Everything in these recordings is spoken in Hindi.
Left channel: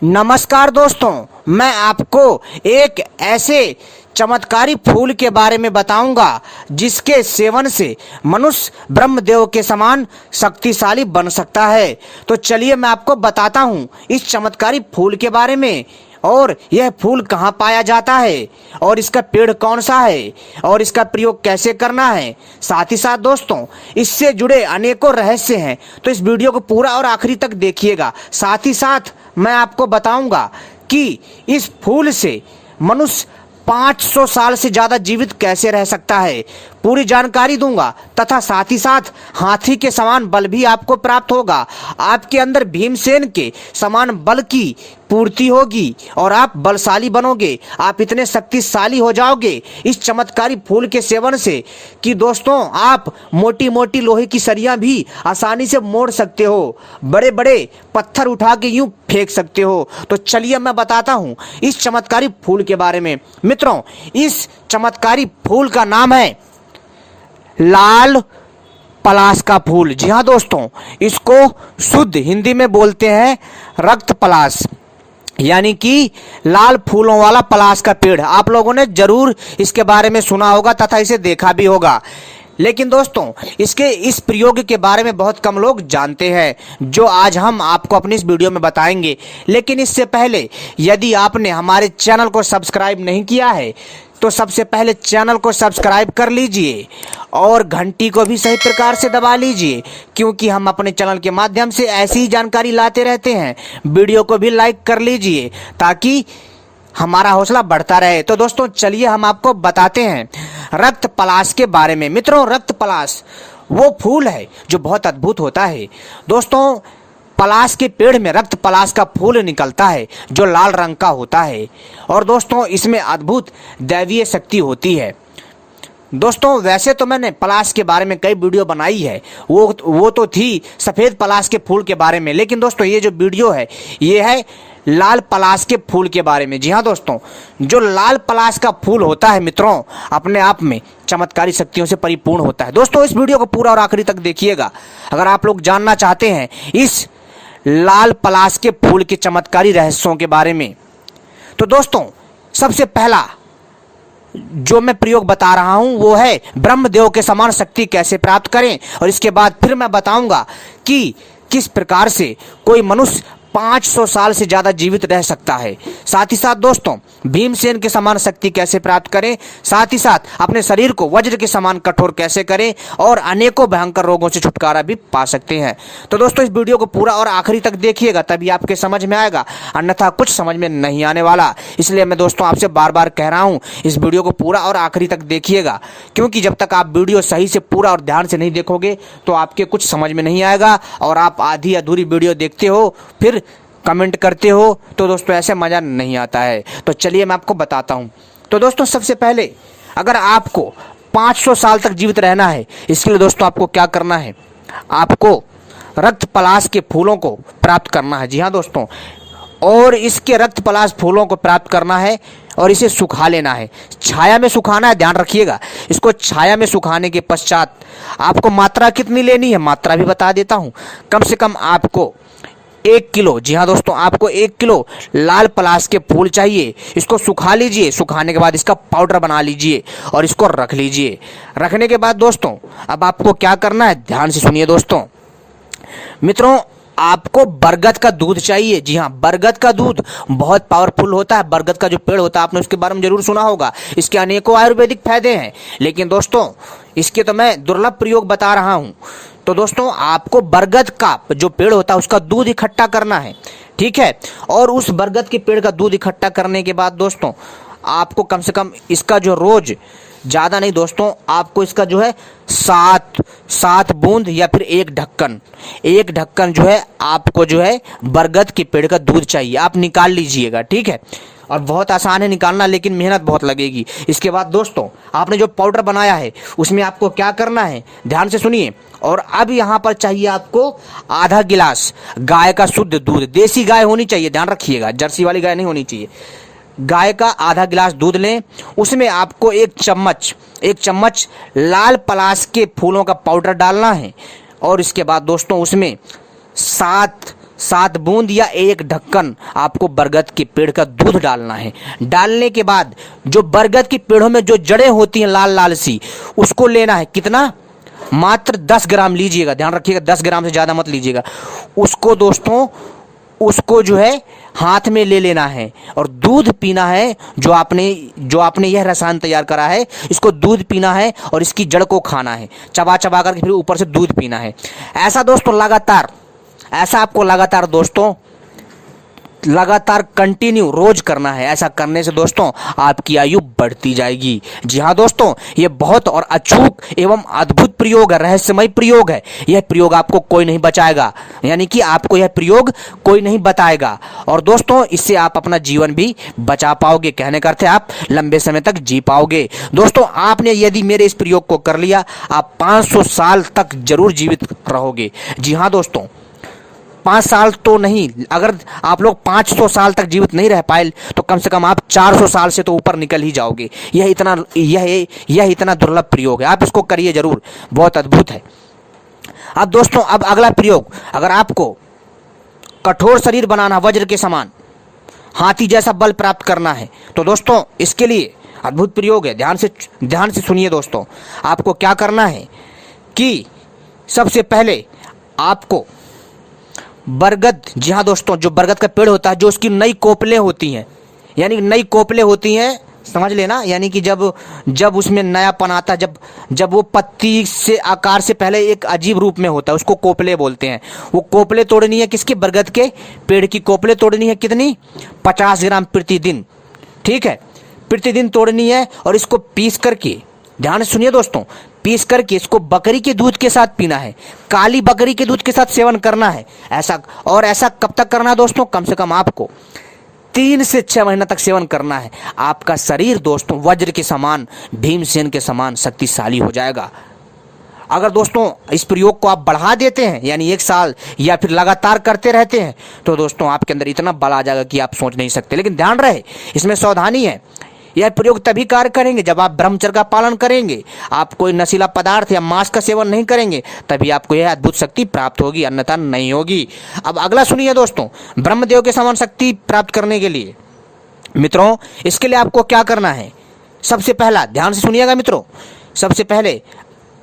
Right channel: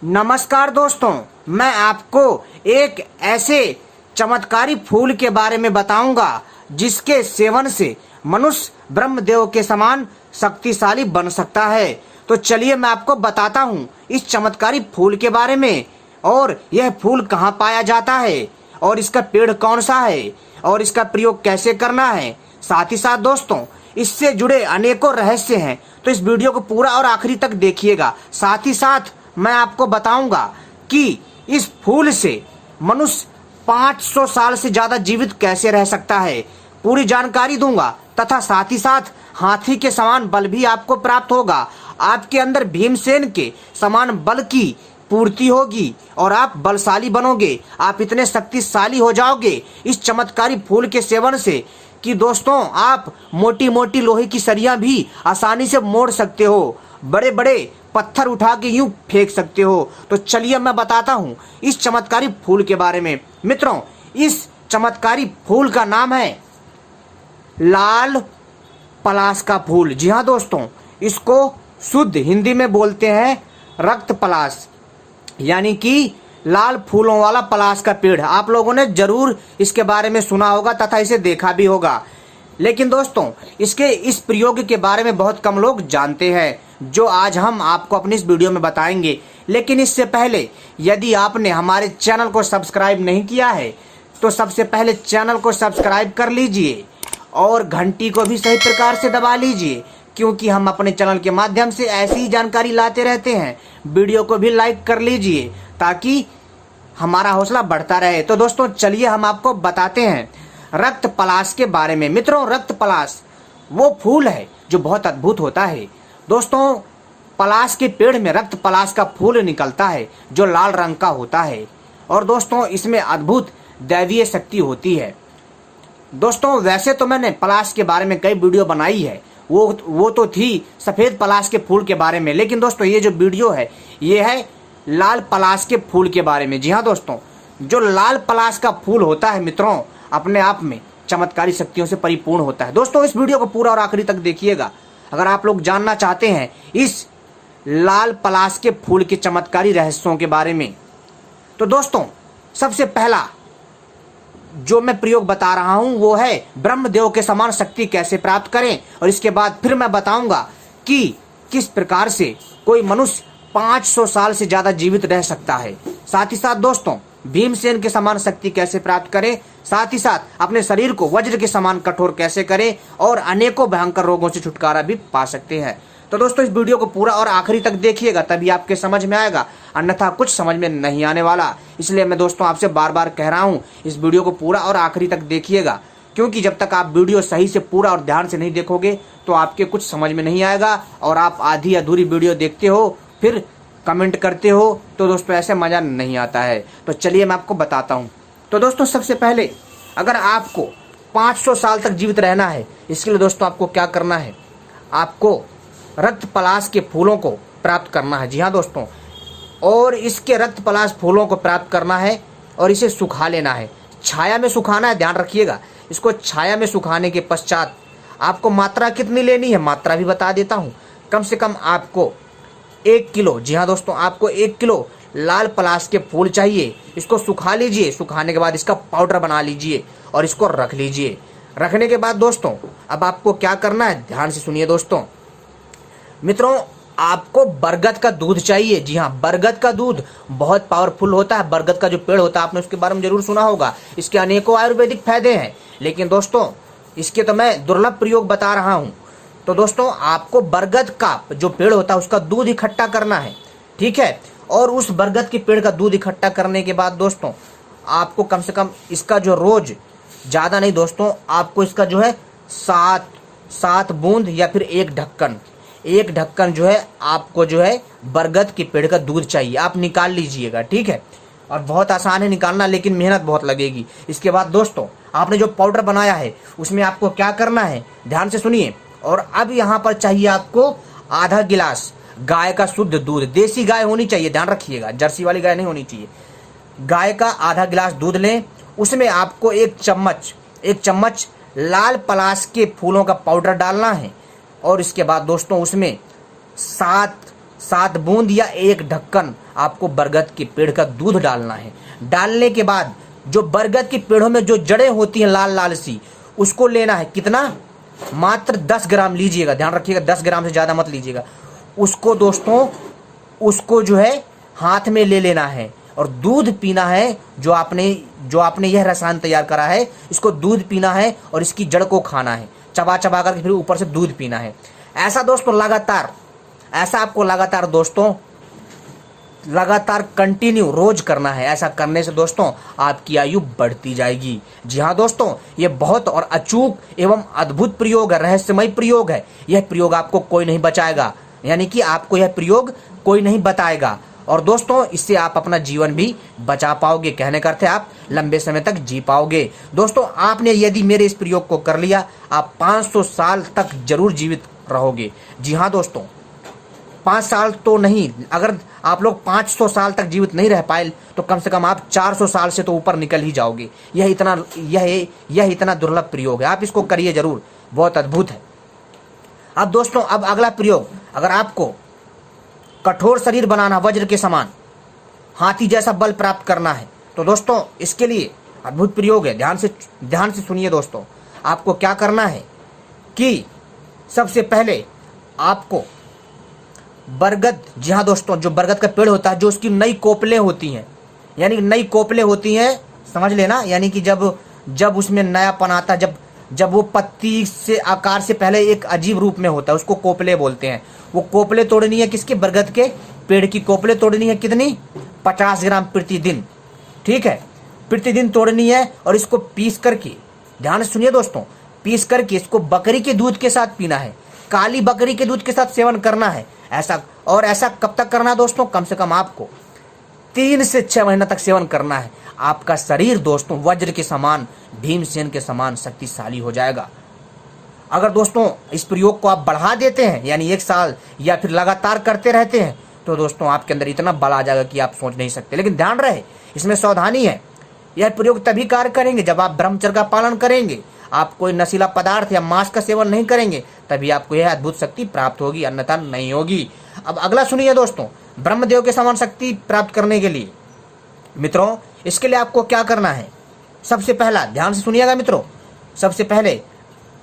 नमस्कार दोस्तों, मैं आपको एक ऐसे चमत्कारी फूल के बारे में बताऊंगा जिसके सेवन से मनुष्य ब्रह्मदेव के समान शक्तिशाली बन सकता है। तो चलिए मैं आपको बताता हूं इस चमत्कारी फूल के बारे में, और यह फूल कहाँ पाया जाता है, और इसका पेड़ कौन सा है, और इसका प्रयोग कैसे करना है। साथ ही साथ दोस्तों, इससे जुड़े अनेकों रहस्य हैं, तो इस वीडियो को पूरा और आखिरी तक देखिएगा। साथ ही साथ मैं आपको बताऊंगा कि इस फूल से मनुष्य 500 साल से ज्यादा जीवित कैसे रह सकता है, पूरी जानकारी दूंगा। तथा साथ ही साथ हाथी के समान बल भी आपको प्राप्त होगा, आपके अंदर भीमसेन के समान बल की पूर्ति होगी और आप बलशाली बनोगे। आप इतने शक्तिशाली हो जाओगे इस चमत्कारी फूल के सेवन से कि दोस्तों, आप मोटी मोटी लोहे की सरियां भी आसानी से मोड़ सकते हो, बड़े बड़े पत्थर उठा के यूं फेंक सकते हो। तो चलिए मैं बताता हूं इस चमत्कारी फूल के बारे में। मित्रों, इस चमत्कारी फूल का नाम है लाल पलाश का फूल। जी हाँ दोस्तों, इसको शुद्ध हिंदी में बोलते हैं रक्त पलाश, यानी कि लाल फूलों वाला पलाश का पेड़। आप लोगों ने जरूर इसके बारे में सुना होगा तथा इसे देखा भी होगा, लेकिन दोस्तों इसके इस प्रयोग के बारे में बहुत कम लोग जानते हैं, जो आज हम आपको अपनी इस वीडियो में बताएंगे। लेकिन इससे पहले यदि आपने हमारे चैनल को सब्सक्राइब नहीं किया है तो सबसे पहले चैनल को सब्सक्राइब कर लीजिए और घंटी को भी सही प्रकार से दबा लीजिए, क्योंकि हम अपने चैनल के माध्यम से ऐसी ही जानकारी लाते रहते हैं। वीडियो को भी लाइक कर लीजिए ताकि हमारा हौसला बढ़ता रहे। तो दोस्तों चलिए हम आपको बताते हैं रक्त पलाश के बारे में। मित्रों, रक्त पलाश वो फूल है जो बहुत अद्भुत होता है। दोस्तों, पलाश के पेड़ में रक्त पलाश का फूल निकलता है जो लाल रंग का होता है, और दोस्तों इसमें अद्भुत दैवीय शक्ति होती है। दोस्तों, वैसे तो मैंने पलाश के बारे में कई वीडियो बनाई है, वो तो थी सफ़ेद पलाश के फूल के बारे में, लेकिन दोस्तों ये जो वीडियो है ये है लाल पलाश के फूल के बारे में। जी हाँ दोस्तों, जो लाल पलाश का फूल होता है मित्रों, अपने आप में चमत्कारी शक्तियों से परिपूर्ण होता है। दोस्तों इस वीडियो को पूरा और आखिरी तक देखिएगा अगर आप लोग जानना चाहते हैं इस लाल पलाश के फूल के चमत्कारी रहस्यों के बारे में। तो दोस्तों, सबसे पहला जो मैं प्रयोग बता रहा हूं वो है ब्रह्मदेव के समान शक्ति कैसे प्राप्त करें, और इसके बाद फिर मैं बताऊंगा कि किस प्रकार से कोई मनुष्य 500 साल से ज्यादा जीवित रह सकता है। साथ ही साथ दोस्तों, भीमसेन के समान शक्ति कैसे प्राप्त करें, साथ ही साथ अपने शरीर को वज्र के समान कठोर कैसे करें, और अनेकों भयंकर रोगों से छुटकारा भी पा सकते हैं। तो दोस्तों इस वीडियो को पूरा और आखिरी तक देखिएगा, तभी आपके समझ में आएगा, अन्यथा कुछ समझ में नहीं आने वाला। इसलिए मैं दोस्तों आपसे बार बार कह रहा हूँ इस वीडियो को पूरा और आखिरी तक देखिएगा, क्योंकि जब तक आप वीडियो सही से पूरा और ध्यान से नहीं देखोगे तो आपके कुछ समझ में नहीं आएगा, और आप आधी अधूरी वीडियो देखते हो फिर कमेंट करते हो, तो दोस्तों ऐसे मज़ा नहीं आता है। तो चलिए मैं आपको बताता हूँ। तो दोस्तों सबसे पहले अगर आपको 500 साल तक जीवित रहना है, इसके लिए दोस्तों आपको क्या करना है, आपको रक्त पलाश के फूलों को प्राप्त करना है। जी हाँ दोस्तों, और इसके रक्त पलाश फूलों को प्राप्त करना है और इसे सुखा लेना है, छाया में सुखाना है, ध्यान रखिएगा। इसको छाया में सुखाने के पश्चात आपको मात्रा कितनी लेनी है, मात्रा भी बता देता हूँ। कम से कम आपको 1 किलो, जी हाँ दोस्तों, आपको 1 किलो लाल पलाश के फूल चाहिए। इसको सुखा लीजिए, सुखाने के बाद इसका पाउडर बना लीजिए और इसको रख लीजिए। रखने के बाद दोस्तों अब आपको क्या करना है, ध्यान से सुनिए दोस्तों। मित्रों, आपको बरगद का दूध चाहिए। जी हाँ, बरगद का दूध बहुत पावरफुल होता है। बरगद का जो पेड़ होता है आपने उसके बारे में जरूर सुना होगा, इसके अनेकों आयुर्वेदिक फायदे हैं, लेकिन दोस्तों इसके तो मैं दुर्लभ प्रयोग बता रहा हूँ। तो दोस्तों आपको बरगद का जो पेड़ होता है उसका दूध इकट्ठा करना है, ठीक है। और उस बरगद के पेड़ का दूध इकट्ठा करने के बाद दोस्तों आपको कम से कम इसका जो रोज, ज़्यादा नहीं दोस्तों, आपको इसका जो है 7 बूंद या फिर एक ढक्कन जो है आपको जो है बरगद के पेड़ का दूध चाहिए। आप निकाल लीजिएगा, ठीक है। और बहुत आसान है निकालना, लेकिन मेहनत बहुत लगेगी। इसके बाद दोस्तों आपने जो पाउडर बनाया है उसमें आपको क्या करना है, ध्यान से सुनिए। और अब यहाँ पर चाहिए आपको आधा गिलास गाय का शुद्ध दूध, देसी गाय होनी चाहिए, ध्यान रखिएगा, जर्सी वाली गाय नहीं होनी चाहिए। गाय का आधा गिलास दूध लें, उसमें आपको एक चम्मच लाल पलाश के फूलों का पाउडर डालना है, और इसके बाद दोस्तों उसमें 7 7 बूंद या 1 ढक्कन आपको बरगद के पेड़ का दूध डालना है। डालने के बाद जो बरगद की पेड़ों में जो जड़ें होती हैं लाल लाल सी, उसको लेना है। कितना? मात्र 10 ग्राम लीजिएगा, ध्यान रखिएगा 10 ग्राम से ज़्यादा मत लीजिएगा। उसको दोस्तों, उसको जो है हाथ में ले लेना है और दूध पीना है। जो आपने यह रसायन तैयार करा है, इसको दूध पीना है और इसकी जड़ को खाना है, चबा चबा करके फिर ऊपर से दूध पीना है। ऐसा दोस्तों लगातार, ऐसा आपको लगातार दोस्तों, लगातार कंटिन्यू रोज करना है। ऐसा करने से दोस्तों आपकी आयु बढ़ती जाएगी। जी हाँ दोस्तों, ये बहुत और अचूक एवं अद्भुत प्रयोग है, रहस्यमय प्रयोग है। यह प्रयोग आपको कोई नहीं बचाएगा, यानी कि आपको यह प्रयोग कोई नहीं बताएगा। और दोस्तों इससे आप अपना जीवन भी बचा पाओगे। कहने का अर्थ है आप लंबे समय तक जी पाओगे। दोस्तों आपने यदि मेरे इस प्रयोग को कर लिया, आप 500 साल तक जरूर जीवित रहोगे। जी हाँ दोस्तों, 5 साल तो नहीं, अगर आप लोग 500 साल तक जीवित नहीं रह पाए तो कम से कम आप 400 साल से तो ऊपर निकल ही जाओगे। यह इतना दुर्लभ प्रयोग है, आप इसको करिए जरूर, बहुत अद्भुत है। अब दोस्तों, अब अगला प्रयोग, अगर आपको कठोर शरीर बनाना, वज्र के समान हाथी जैसा बल प्राप्त करना है, तो दोस्तों इसके लिए अद्भुत प्रयोग है। ध्यान से सुनिए दोस्तों। आपको क्या करना है कि सबसे पहले आपको बरगद, जी हाँ दोस्तों, जो बरगद का पेड़ होता है, जो उसकी नई कोपलें होती हैं, यानी नई कोपलें होती हैं, समझ लेना, यानी कि जब उसमें नयापन आता है, जब वो पत्ती से आकार से पहले एक अजीब रूप में होता है, उसको कोपले बोलते हैं। वो कोपले तोड़नी है, किसके? बरगद के पेड़ की कोपले तोड़नी है। कितनी? 50 ग्राम प्रतिदिन, ठीक है, प्रतिदिन तोड़नी है। और इसको पीस करके, ध्यान से सुनिए दोस्तों, पीस करके इसको बकरी के दूध के साथ पीना है, काली बकरी के दूध के साथ सेवन करना है। ऐसा कब तक करना है दोस्तों? कम से कम आपको 3 से 6 महीना तक सेवन करना है। आपका शरीर दोस्तों वज्र के समान, भीमसेन के समान शक्तिशाली हो जाएगा। अगर दोस्तों इस प्रयोग को आप बढ़ा देते हैं, यानी 1 साल या फिर लगातार करते रहते हैं, तो दोस्तों आपके अंदर इतना बल आ जाएगा कि आप सोच नहीं सकते। लेकिन ध्यान रहे, इसमें सावधानी है। यह प्रयोग तभी कार्य करेंगे जब आप ब्रह्मचर्य का पालन करेंगे, आप कोई नशीला पदार्थ या मांस का सेवन नहीं करेंगे, तभी आपको यह अद्भुत शक्ति प्राप्त होगी, अन्यथा नहीं होगी। अब अगला सुनिए दोस्तों, ब्रह्मदेव के समान शक्ति प्राप्त करने के लिए मित्रों, इसके लिए आपको क्या करना है? सबसे पहला, ध्यान से सुनिएगा मित्रों, सबसे पहले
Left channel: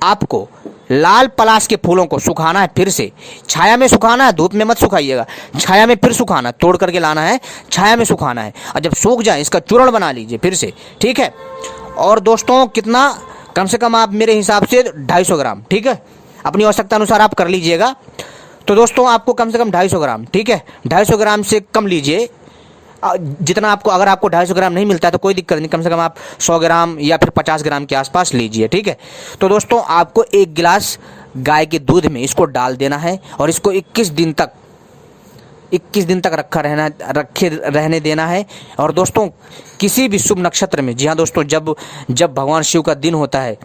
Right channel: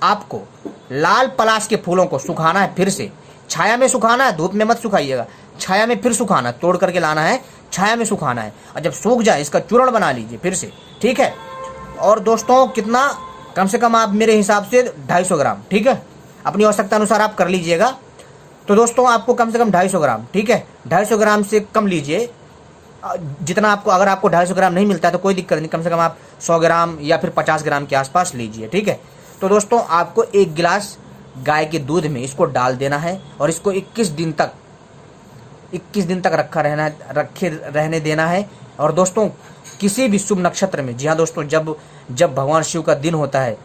आपको लाल पलाश के फूलों को सुखाना है। फिर से छाया में सुखाना है, धूप में मत सुखाइएगा, छाया में फिर सुखाना, तोड़ करके लाना है, छाया में सुखाना है। और जब सूख जाए इसका चूर्ण बना लीजिए फिर से, ठीक है। और दोस्तों कितना? कम से कम आप मेरे हिसाब से 250 ग्राम, ठीक है, अपनी आवश्यकता अनुसार आप कर लीजिएगा। तो दोस्तों आपको कम से कम 250 ग्राम, ठीक है, 250 ग्राम से कम लीजिए, जितना आपको, अगर आपको 250 ग्राम नहीं मिलता है तो कोई दिक्कत नहीं, कम से कम आप 100 ग्राम या फिर 50 ग्राम के आसपास लीजिए, ठीक है। तो दोस्तों आपको 1 गिलास गाय के दूध में इसको डाल देना है और इसको 21 दिन तक रखे रहने देना है। और दोस्तों किसी भी शुभ नक्षत्र में, जी हाँ दोस्तों, जब भगवान शिव का दिन होता है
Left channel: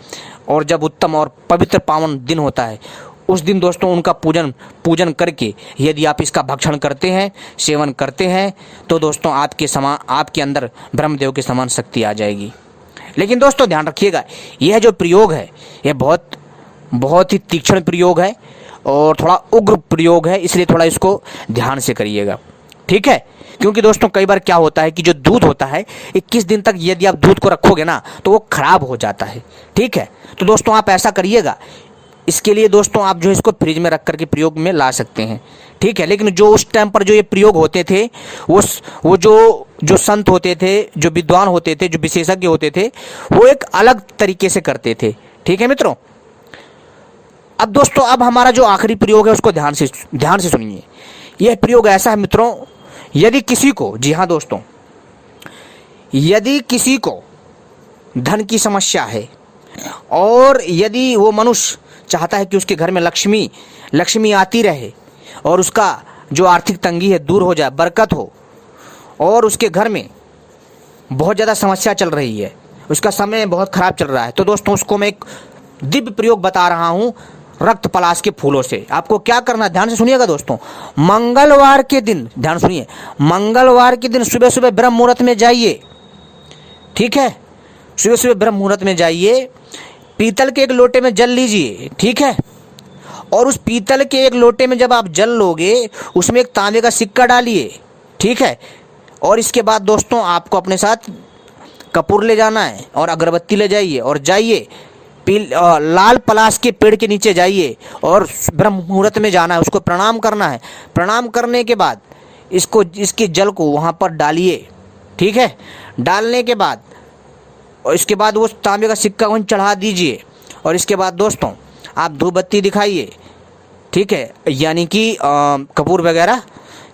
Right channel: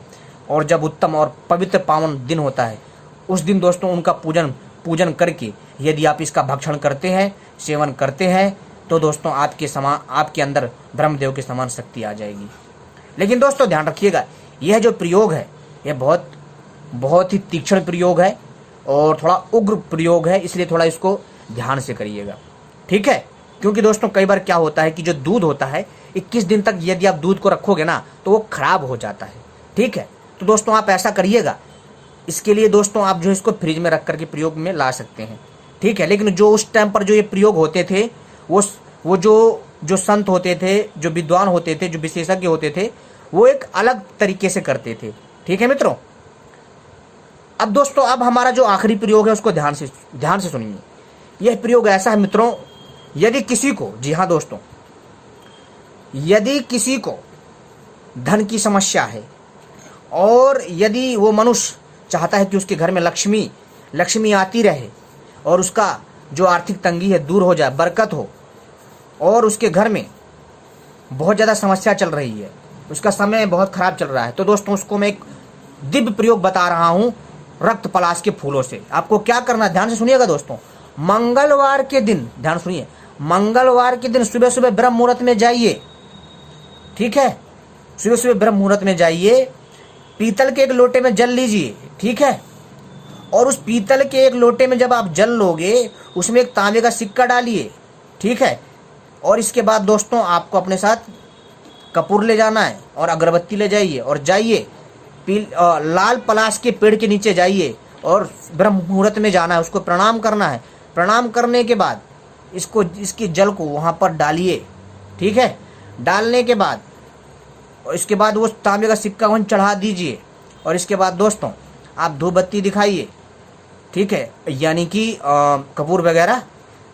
और जब उत्तम और पवित्र पावन दिन होता है, उस दिन दोस्तों उनका पूजन करके यदि आप इसका भक्षण करते हैं, सेवन करते हैं, तो दोस्तों आपके अंदर ब्रह्मदेव के समान शक्ति आ जाएगी। लेकिन दोस्तों ध्यान रखिएगा, यह जो प्रयोग है यह बहुत ही तीक्ष्ण प्रयोग है और थोड़ा उग्र प्रयोग है, इसलिए थोड़ा इसको ध्यान से करिएगा, ठीक है। क्योंकि दोस्तों कई बार क्या होता है कि जो दूध होता है 21 दिन तक यदि आप दूध को रखोगे ना तो वो खराब हो जाता है, ठीक है। तो दोस्तों आप ऐसा करिएगा, इसके लिए दोस्तों आप जो इसको फ्रिज में रख करके प्रयोग में ला सकते हैं, ठीक है। लेकिन जो उस टाइम पर जो ये प्रयोग होते थे, वो जो संत होते थे, जो विद्वान होते थे, जो विशेषज्ञ होते थे, वो एक अलग तरीके से करते थे, ठीक है मित्रों। अब दोस्तों अब हमारा जो आखिरी प्रयोग है उसको ध्यान से सुनिए। यह प्रयोग ऐसा है मित्रों, यदि किसी को, जी हाँ दोस्तों, यदि किसी को धन की समस्या है और यदि वो मनुष्य चाहता है कि उसके घर में लक्ष्मी आती रहे और उसका जो आर्थिक तंगी है दूर हो जाए, बरकत हो, और उसके घर में बहुत ज़्यादा समस्या चल रही है, उसका समय बहुत खराब चल रहा है, तो दोस्तों उसको मैं एक दिव्य प्रयोग बता रहा हूँ, रक्त पलाश के फूलों से। आपको क्या करना है, ध्यान से सुनिएगा दोस्तों। मंगलवार के दिन, ध्यान सुनिए, मंगलवार के दिन सुबह सुबह ब्रह्म मुहूर्त में जाइए, ठीक है, सुबह सुबह ब्रह्म मुहूर्त में जाइए, पीतल के एक लोटे में जल लीजिए, ठीक है, और उस पीतल के एक लोटे में जब आप जल लोगे उसमें एक तांबे का सिक्का डालिए, ठीक है। और इसके बाद दोस्तों आपको अपने साथ कपूर ले जाना है और अगरबत्ती ले जाइए और जाइए लाल पलाश के पेड़ के नीचे जाइए और ब्रह्म मुहूर्त में जाना है, उसको प्रणाम करना है। प्रणाम करने के बाद इसके जल को वहाँ पर डालिए, ठीक है। डालने के बाद और इसके बाद वो तांबे का सिक्का वहीं चढ़ा दीजिए और इसके बाद दोस्तों आप धूप बत्ती दिखाइए, ठीक है, यानी कि कपूर वगैरह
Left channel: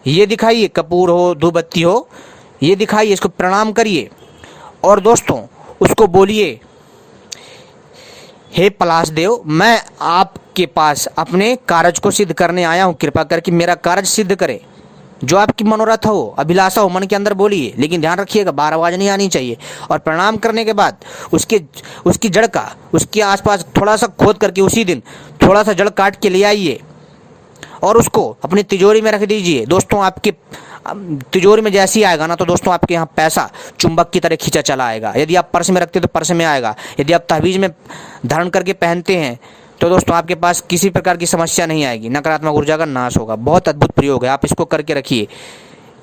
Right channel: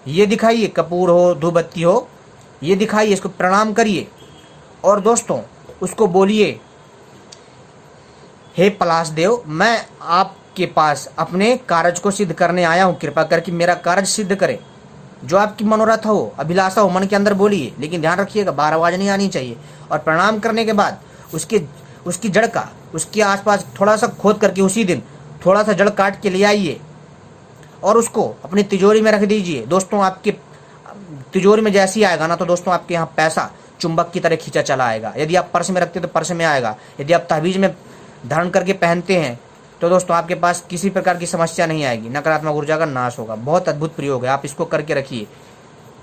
ये दिखाइए, कपूर हो धूप बत्ती हो ये दिखाइए, इसको प्रणाम करिए और दोस्तों उसको बोलिए, हे पलाश देव, मैं आपके पास अपने कार्य को सिद्ध करने आया हूँ, कृपा करके मेरा कार्य सिद्ध करे। जो आपकी मनोरथ हो, अभिलाषा हो, मन के अंदर बोलिए, लेकिन ध्यान रखिएगा बाहर आवाज नहीं आनी चाहिए। और प्रणाम करने के बाद उसकी जड़ का उसके आसपास थोड़ा सा खोद करके उसी दिन थोड़ा सा जड़ काट के ले आइए और उसको अपनी तिजोरी में रख दीजिए। दोस्तों आपकी तिजोरी में जैसे ही आएगा ना तो दोस्तों आपके यहाँ पैसा चुंबक की तरह खींचा चला आएगा। यदि आप पर्स में रखते हो तो पर्स में आएगा, यदि आप तहवीज़ में धारण करके पहनते हैं तो दोस्तों आपके पास किसी प्रकार की समस्या नहीं आएगी, नकारात्मक ऊर्जा का नाश होगा। बहुत अद्भुत प्रयोग है, आप इसको करके रखिए,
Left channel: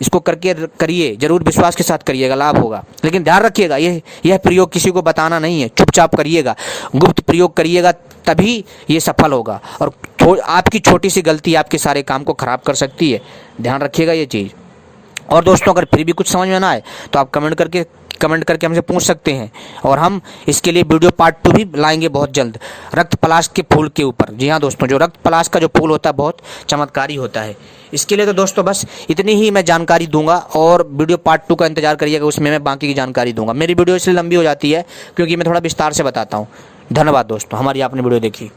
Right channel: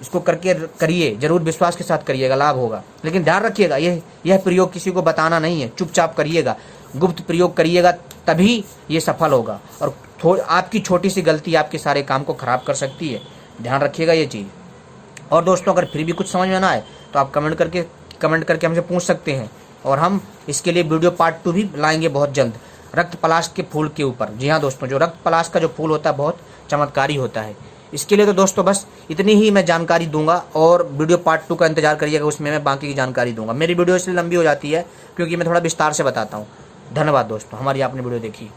इसको करके करिए, जरूर विश्वास के साथ करिएगा, लाभ होगा। लेकिन ध्यान रखिएगा यह प्रयोग किसी को बताना नहीं है, चुपचाप करिएगा, गुप्त प्रयोग करिएगा, तभी ये सफल होगा। और आपकी छोटी सी गलती आपके सारे काम को खराब कर सकती है, ध्यान रखिएगा ये चीज़। और दोस्तों अगर फिर भी कुछ समझ में ना आए तो आप कमेंट करके हमसे पूछ सकते हैं और हम इसके लिए वीडियो पार्ट 2 भी लाएंगे बहुत जल्द, रक्त पलाश के फूल के ऊपर। जी हाँ दोस्तों, जो रक्त पलाश का जो फूल होता है बहुत चमत्कारी होता है। इसके लिए तो दोस्तों बस इतनी ही मैं जानकारी दूंगा और वीडियो पार्ट 2 का इंतजार करिएगा, उसमें मैं बाकी की जानकारी दूंगा। मेरी वीडियो इसलिए लंबी हो जाती है क्योंकि मैं थोड़ा विस्तार से बताता हूँ। धन्यवाद दोस्तों, हमारी आपने वीडियो देखी।